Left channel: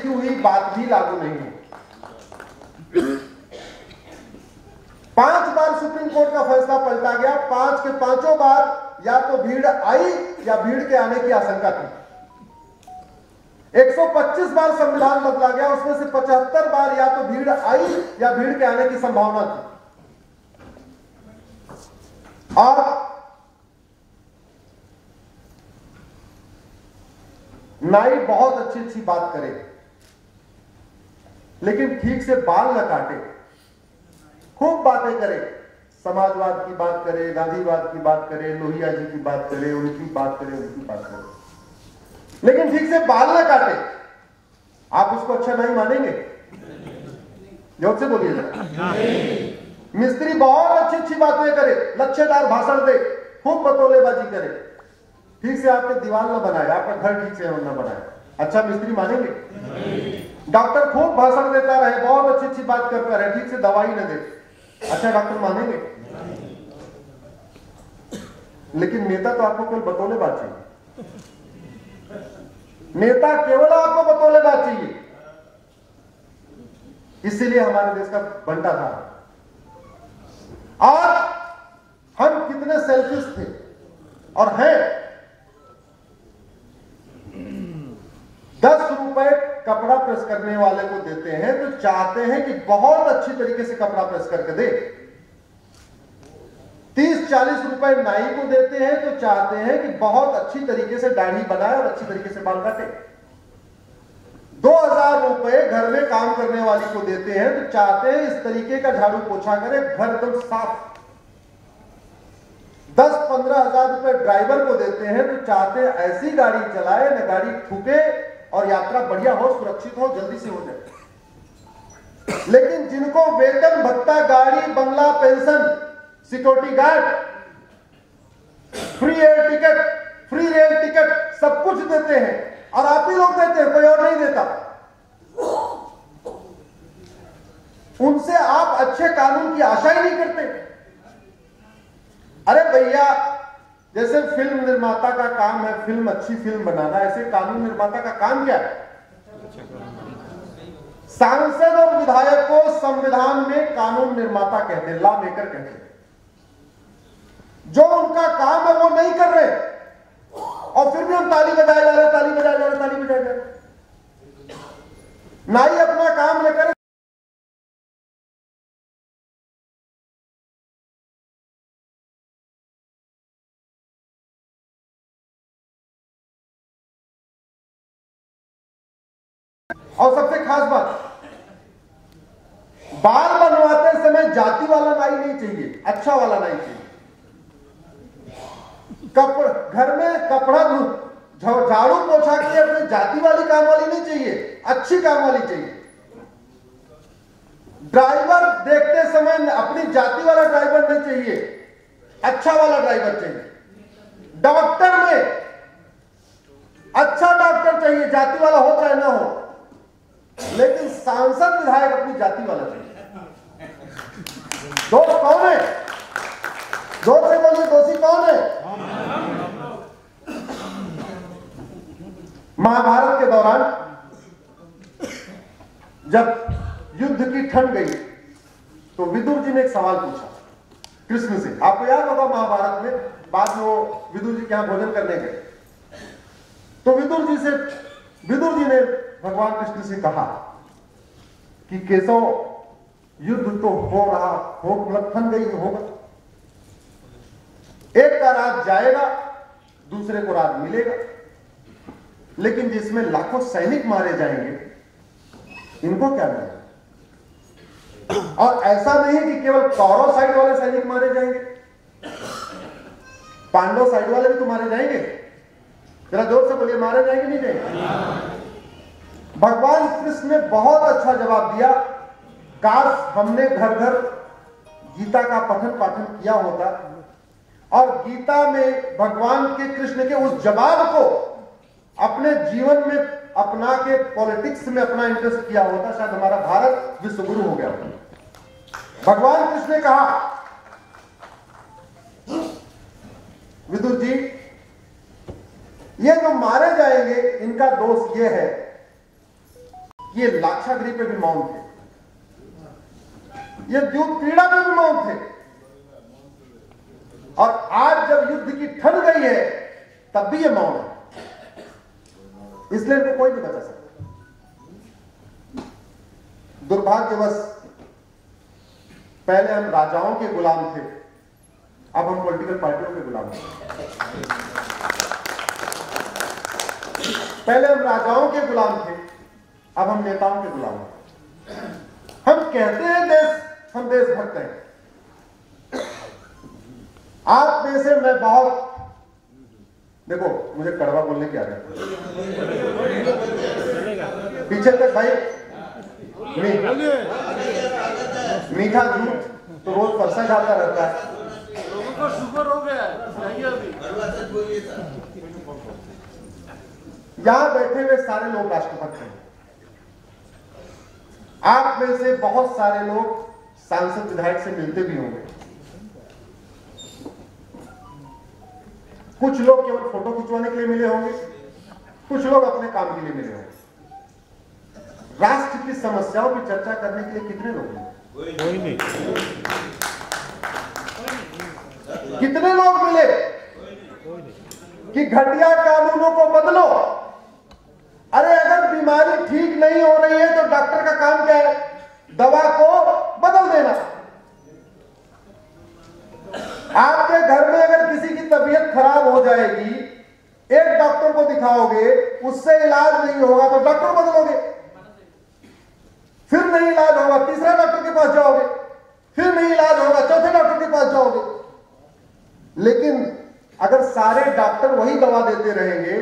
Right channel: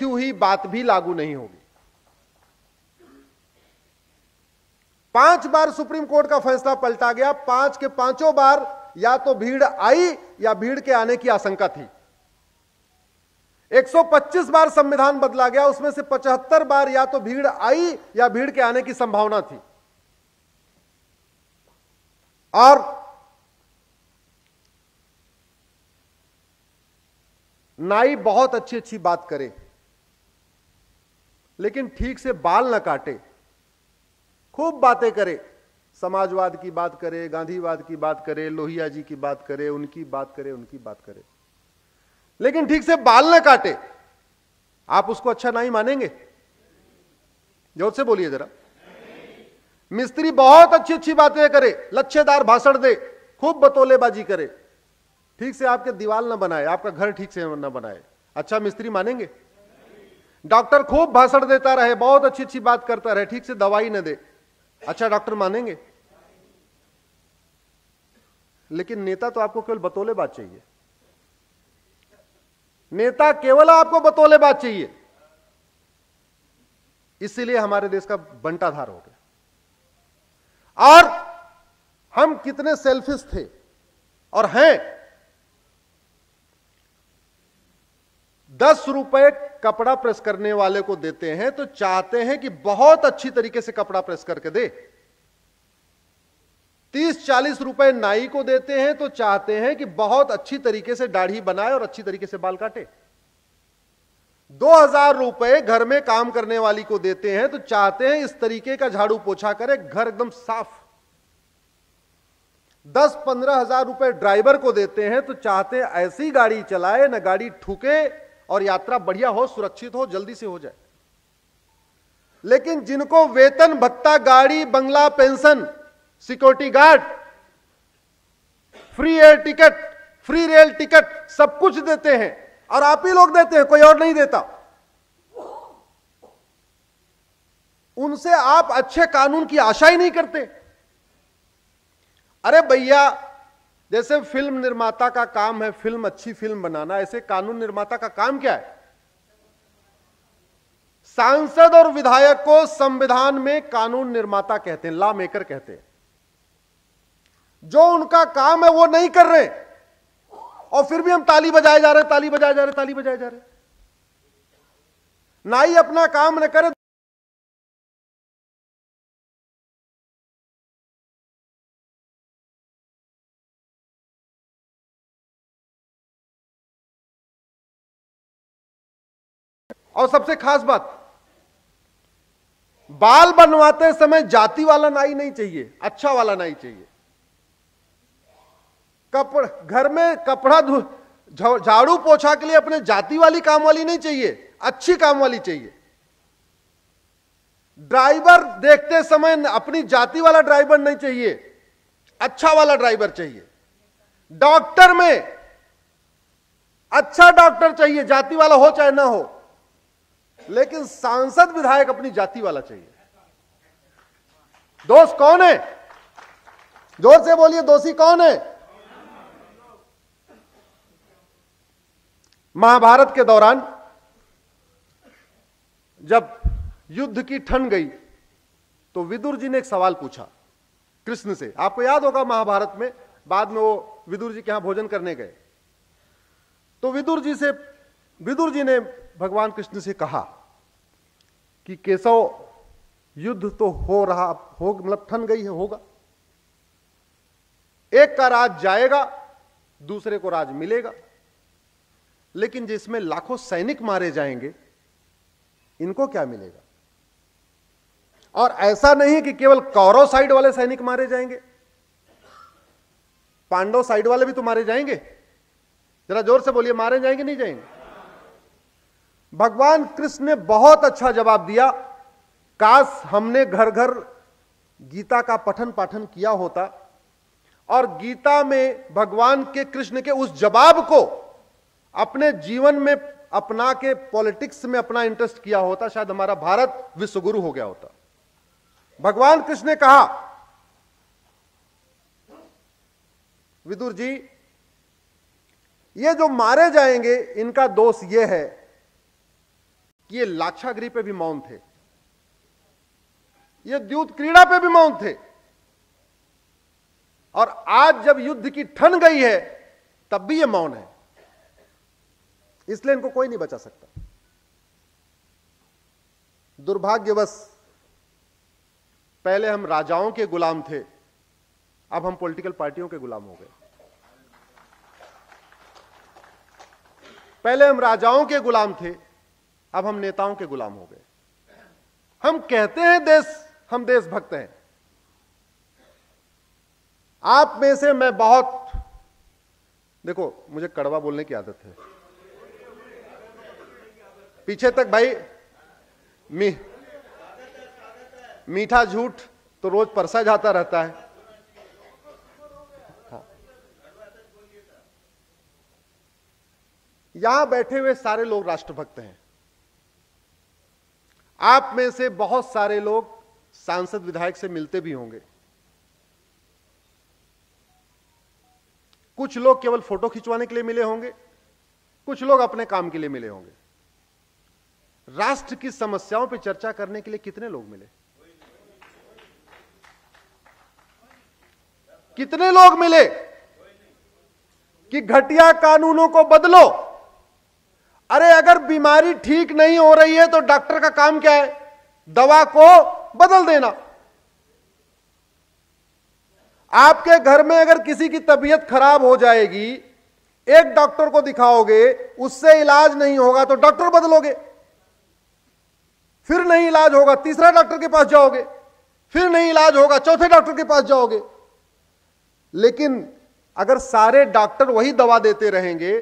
की हुई बात भी लागू नहीं होगी। 5 बार सुप्रीम कोर्ट का फैसला पलटा गया, 5 के 5 बार या तो भीड़ आई या भीड़ के आने की आशंका थी। 125 बार संविधान बदला गया, उसमें से 75 बार या तो भीड़ आई या भीड़ के आने की संभावना थी। और नाई बहुत अच्छी बात करे, लेकिन ठीक से बाल न काटे। खूब बातें करे, समाजवाद की बात करे, गांधीवाद की बात करे, लोहिया जी की बात करे, उनकी बात करे, उनकी बात करे, लेकिन ठीक से बाल न काटे। आप उसको अच्छा नहीं मानेंगे? जोर से बोलिए जरा। मिस्त्री बहुत अच्छी बातें करे, लच्छेदार भाषण दे, खूब बतौलेबाजी करे, ठीक से आपके दीवार न बनाए, आपका घर ठीक से न बनाए, अच्छा मिस्त्री मानेंगे? डॉक्टर खूब भाषण देता रहे, बहुत अच्छी बात करता रहे, ठीक से दवाई न दे, अच्छा डॉक्टर मानेंगे? लेकिन नेता तो आपको केवल बतौलेबाज चाहिए। नेता केवल आपको बतौलेबाज चाहिए। इसीलिए हमारे देश का बंटा था। और हम कितने सेल्फिश थे और हैं। 10 रुपए कपड़ा प्रेस करने वाले को देते हैं तो चाहते हैं कि बहुत अच्छी तरीके से कपड़ा प्रेस करके दे। 30-40 रुपए नाई को देते हैं तो चाहते हैं कि बहुत अच्छी तरीके से दाढ़ी बनाए और अच्छी तरीके से बाल काटे। 2000 रुपए घर में काम करने वाली को देते हैं तो चाहते हैं इस तरीके का झाड़ू पोछा करे, घर एकदम साफ। 10-15 हजार रुपए ड्राइवर को देते हैं तो चाहते हैं ऐसी गाड़ी चलाए, न गाड़ी ठुके और यात्रा बढ़िया हो, सुरक्षित हो, जल्दी से हो जाए। लेकिन जिनको वेतन भत्ता, गाड़ी, बंगला, pension, security guard, free air ticket, free rail ticket सब कुछ देते हैं और आप ही लोग देते हैं, कोई और नहीं देता। उनसे आप अच्छे कानून की आशा ही नहीं करते। अरे भैया, जैसे फिल्म निर्माता का काम है फिल्म अच्छी फिल्म बनाना, ऐसे कानून निर्माता का काम क्या है? सांसद और विधायक को संविधान में कानून निर्माता कहते हैं, लॉ मेकर कहते हैं। जो उनका काम है वो नहीं कर रहे और फिर भी हम ताली बजाए जा रहे, ताली बजाए जा रहे, ताली बजाए जा रहे। नाई अपना काम न करे और सबसे खास बात, बाल बनवाते समय जाति वाला नाई नहीं चाहिए, अच्छा वाला नाई चाहिए। घर में कपड़ा झाड़ू पोछा के लिए अपने जाति वाली काम वाली नहीं चाहिए, अच्छी काम वाली चाहिए। ड्राइवर देखते समय अपनी जाति वाला ड्राइवर नहीं चाहिए, अच्छा वाला ड्राइवर चाहिए। डॉक्टर में अच्छा डॉक्टर चाहिए, जाति वाला हो चाहे ना हो, लेकिन सांसद विधायक अपनी जाति वाला चाहिए। दोष कौन है? जोर से बोलिए, दोषी कौन है? महाभारत के दौरान जब युद्ध की ठंड गई तो विदुर जी ने एक सवाल पूछा कृष्ण से। आपको याद होगा महाभारत में बाद में वो विदुर जी के यहां भोजन करने गए तो विदुर जी ने भगवान कृष्ण से कहा कि केशव, युद्ध तो हो रहा हो, मतलब ठंड गई होगा, एक का राज जाएगा, दूसरे को राज मिलेगा, लेकिन जिसमें लाखों सैनिक मारे जाएंगे इनको क्या मिलेगा? और ऐसा नहीं कि केवल कौरव साइड वाले सैनिक मारे जाएंगे, पांडव साइड वाले भी तो मारे जाएंगे। जरा जोर से बोलिए, मारे जाएंगे नहीं जाएंगे? भगवान कृष्ण ने बहुत अच्छा जवाब दिया। काश हमने घर घर गीता का पठन पाठन किया होता और गीता में भगवान के कृष्ण के उस जवाब को अपने जीवन में अपना के पॉलिटिक्स में अपना इंटरेस्ट किया होता, शायद हमारा भारत विश्वगुरु हो गया होता। भगवान कृष्ण ने कहा, विदुर जी, ये जो मारे जाएंगे इनका दोष ये है ये लाक्षागृह पे भी मौन थे, ये द्यूत क्रीड़ा पे भी मौन थे, और आज जब युद्ध की ठन गई है तब भी ये मौन है। इसलिए इनको कोई नहीं बचा सकता। दुर्भाग्यवश पहले हम राजाओं के गुलाम थे, अब हम पॉलिटिकल पार्टियों के गुलाम हैं। पहले हम राजाओं के गुलाम थे, अब हम नेताओं के गुलाम हैं। हम कहते हैं हम देशभक्त हैं। आप में से मैं बहुत, देखो मुझे कड़वा बोलने की आदत है, पीछे तक भाई मीठा झूठ तो रोज परसा जाता रहता है। लोगों को शुगर हो गया है। यहां बैठे हुए सारे लोग राष्ट्रभक्त हैं। आप में से बहुत सारे लोग सांसद विधायक से मिलते भी होंगे, कुछ लोग केवल फोटो खिंचवाने के लिए मिले होंगे, कुछ लोग अपने काम के लिए मिले होंगे। राष्ट्र की समस्याओं की चर्चा करने के लिए कितने लोग हैं? कोई नहीं। कितने लोग मिले कि घटिया कानूनों को बदलो? अरे अगर बीमारी ठीक नहीं हो रही है तो डॉक्टर का काम क्या है? दवा को बदल देना। आपके घर में अगर किसी की तबीयत खराब हो जाएगी, एक डॉक्टर को दिखाओगे, उससे इलाज नहीं होगा तो डॉक्टर बदलोगे, फिर नहीं इलाज होगा तीसरा डॉक्टर के पास जाओगे, फिर नहीं इलाज होगा चौथे डॉक्टर के पास जाओगे। लेकिन अगर सारे डॉक्टर वही दवा देते रहेंगे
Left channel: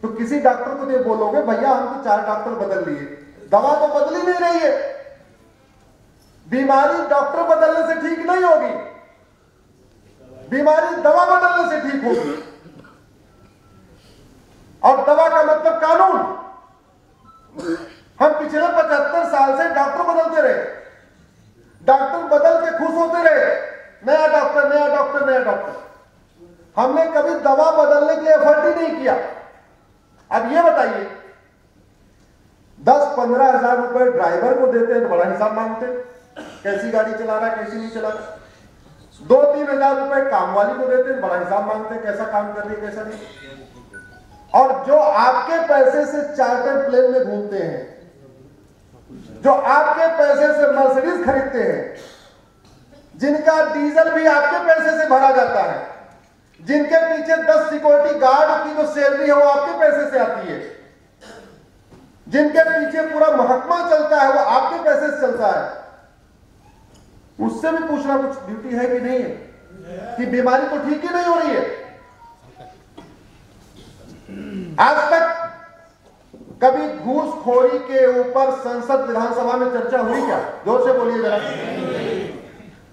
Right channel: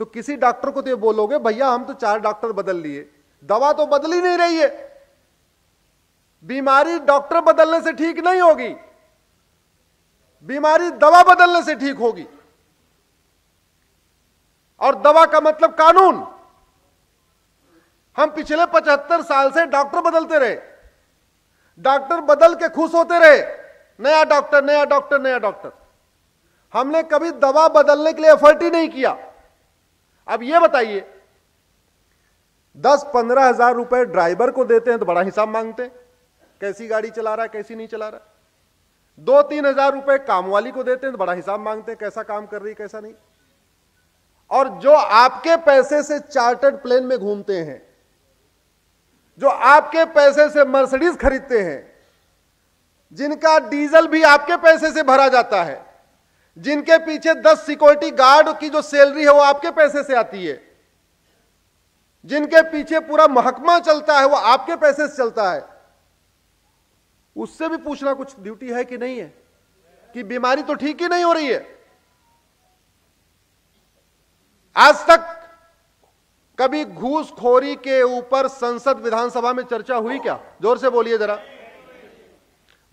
तो किसी डॉक्टर को तो बोलोगे भैया हम तो 4 डॉक्टर बदल लिए, दवा तो बदल ही नहीं रही है। बीमारी डॉक्टर बदलने से ठीक नहीं होगी, बीमारी दवा बदलने से ठीक होगी। और दवा का मतलब कानून। हम पिछले 75 साल से डॉक्टर बदलते रहे, डॉक्टर बदल के खुश होते रहे, नया डॉक्टर नया डॉक्टर नया डॉक्टर। हमने कभी दवा बदलने के लिए एफर्ट ही नहीं किया। अब ये बताइए, 10-15 हजार रुपए ड्राइवर को देते हैं तो बड़ा हिसाब मांगते हैं, कैसी गाड़ी चला रहा है कैसी नहीं चला रहा। 2-3 हजार रुपए काम वाली को देते हैं तो बड़ा हिसाब मांगते हैं, कैसा काम कर रही है कैसा नहीं। और जो आपके पैसे से चार्टर्ड प्लेन में घूमते हैं, जो आपके पैसे से मर्सिडीज खरीदते हैं, जिनका डीजल भी आपके पैसे से भरा जाता है, जिनके पीछे 10 सिक्योरिटी गार्ड की जो सैलरी है वो आपके पैसे से आती है, जिनके पीछे पूरा महकमा चलता है वो आपके पैसे से चलता है, उससे भी पूछना कुछ ड्यूटी है कि नहीं है कि बीमारी तो ठीक ही नहीं हो रही है। आज तक कभी घूसखोरी के ऊपर संसद विधानसभा में चर्चा हुई क्या? जोर से बोलिए जरा।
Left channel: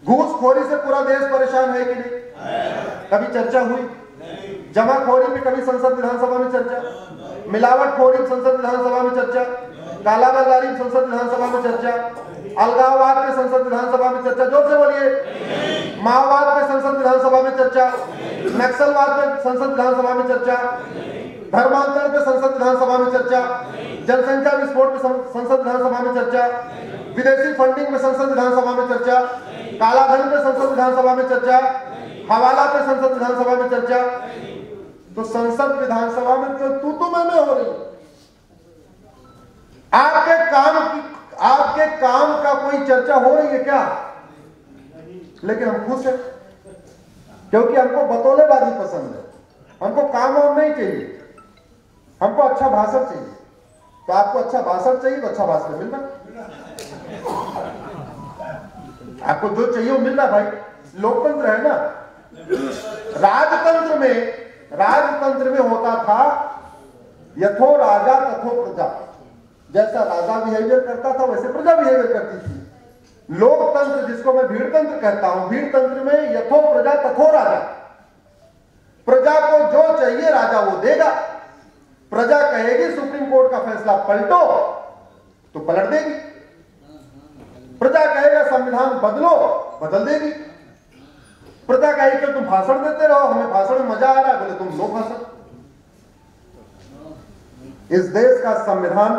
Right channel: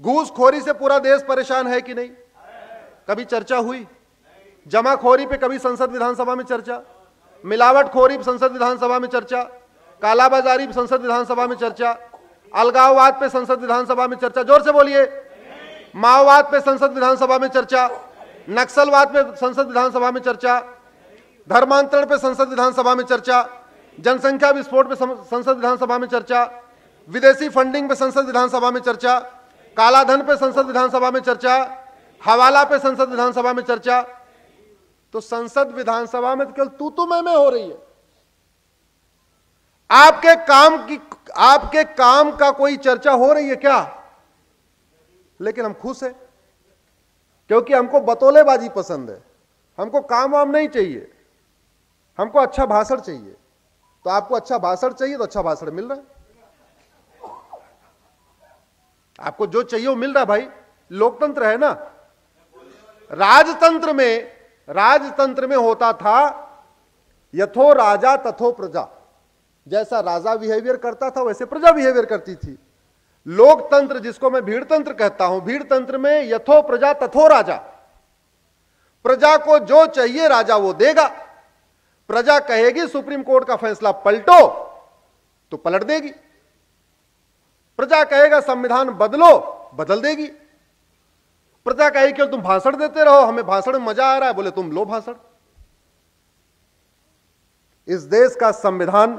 घूसखोरी से पूरा देश परेशान है कि नहीं? कभी चर्चा हुई? जमाखोरी पे कभी संसद विधानसभा में चर्चा? मिलावटखोरी संसद विधानसभा में चर्चा? कालाबाजारी संसद विधानसभा में चर्चा? अलगाववाद पे संसद विधानसभा में चर्चा? जोर से बोलिए। माओवाद पे संसद विधानसभा में चर्चा? नक्सलवाद पे संसद विधानसभा में चर्चा? धर्मांतरण पे संसद विधानसभा में चर्चा? जनसंख्या विस्फोट पे संसद विधानसभा में चर्चा? विदेशी फंडिंग पे संसद विधानसभा में चर्चा? कालाधन पे संसद विधानसभा में चर्चा? हवाला पे संसद विधानसभा में चर्चा? तो संसद विधानसभा में क्यों तू मैं हो रही? आपके काम का कोई चर्चा हो रही है क्या? लेकिन हम खुश हैं क्योंकि हमको बतौलेबाजी पसंद है, हमको काम वाम नहीं चाहिए, हमको अच्छा भाषण चाहिए। तो आपको अच्छा भाषण चाहिए तो अच्छा भाषण मिल रहा है, आपको जो चाहिए वो मिल रहा है। भाई लोकतंत्र है ना। राजतंत्र में होता था यथो राजा तथो प्रजा, जैसा राजा बिहेवियर करता था वैसे प्रजा बिहेवियर करती थी। लोकतंत्र जिसको मैं भीड़तंत्र कहता हूं, भीड़तंत्र में यथो प्रजा तथो राजा, प्रजा को जो चाहिए राजा वो देगा। प्रजा कहेगी सुप्रीम कोर्ट का फैसला पलटो तो पलट देगी, प्रजा कहेगा संविधान बदलो बदल देगी, प्रजा कहेगी कि तुम भाषण देते रहो, हमें भाषण में मजा आ रहा है, बोले तुम लो भाषण। इस देश का संविधान